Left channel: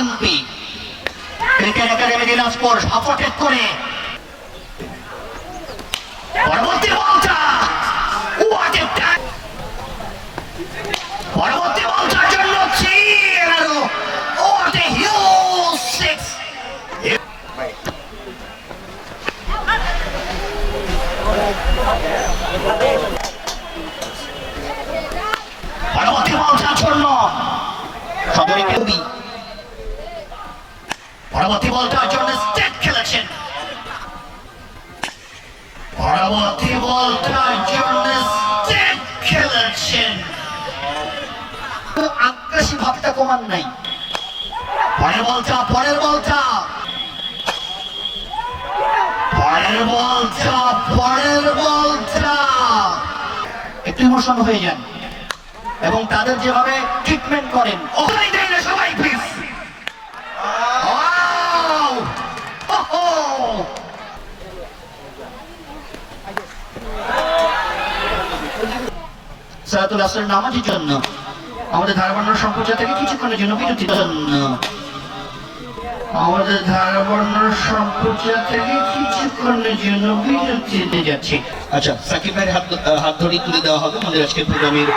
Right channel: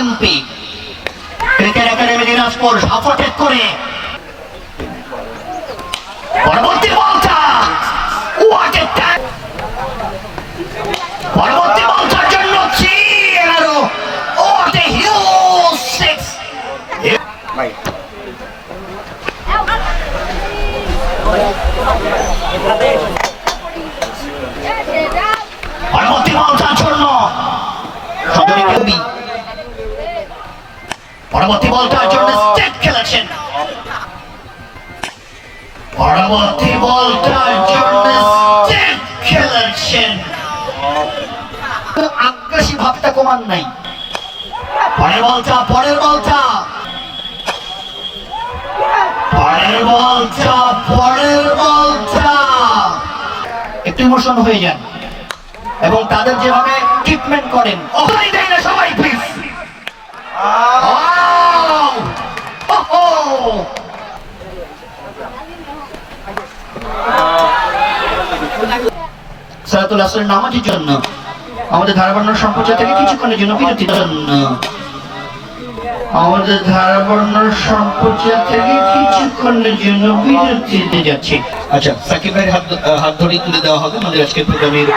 MP cricket academy Dinajpur supported করে পরবর্তী বলটা পরবর্তী বলটার জন্য 3-11 what a huge six পরবর্তী বলটার জন্য কবি পরবর্তী বলটার জন্য স্টেট খেলেছেন পরবর্তী বলটার জন্য স্টেট খেলেছেন আগ্রাসী ভাবটা কমান নাই পরের বলটা একটু ইমোশন হয়ে যান এবং তাদের যেভাবে ট্রিটমেন্ট করেন সবাই প্লিজ সালাতুল আসরের নামাজের জন্য আমাদের ধারাবর্ণ সম্প্রচার থেকে কিছুক্ষণের জন্য বিরতি দিতে যাচ্ছি। আচ্ছা, সাকিব ভাইয়ের হাত ধরে তুলে দেওয়া হবে আমাদের আজকের প্রোগ্রামের